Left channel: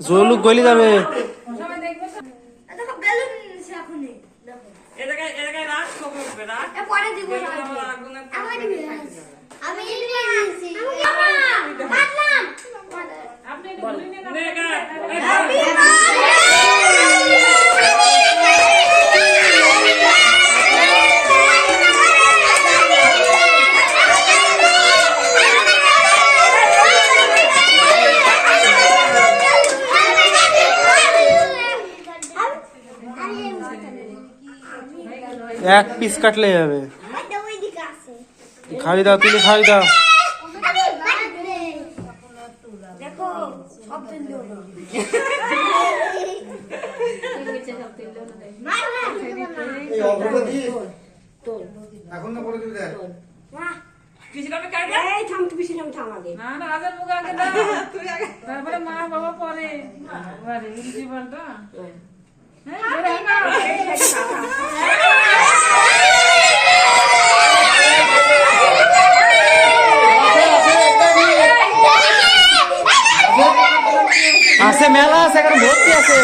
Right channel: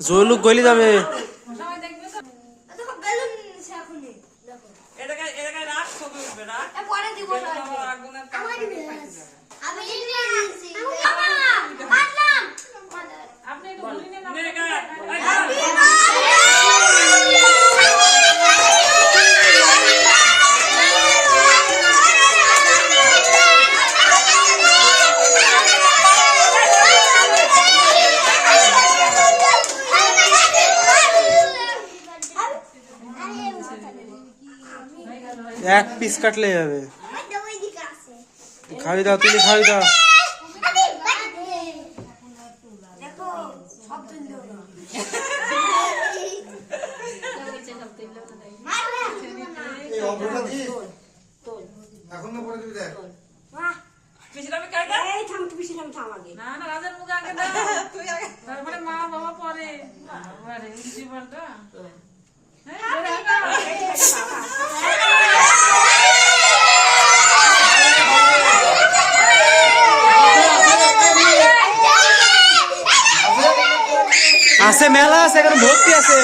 জলুক গলি যাবে। এক পিস কাটলে যাবে। খাওয়াই দাও, তুলে খাওয়াই দাও। তারপরে মা বাবা পরে জীবনটা আছে মেলা আছে, ভর্তি আছে।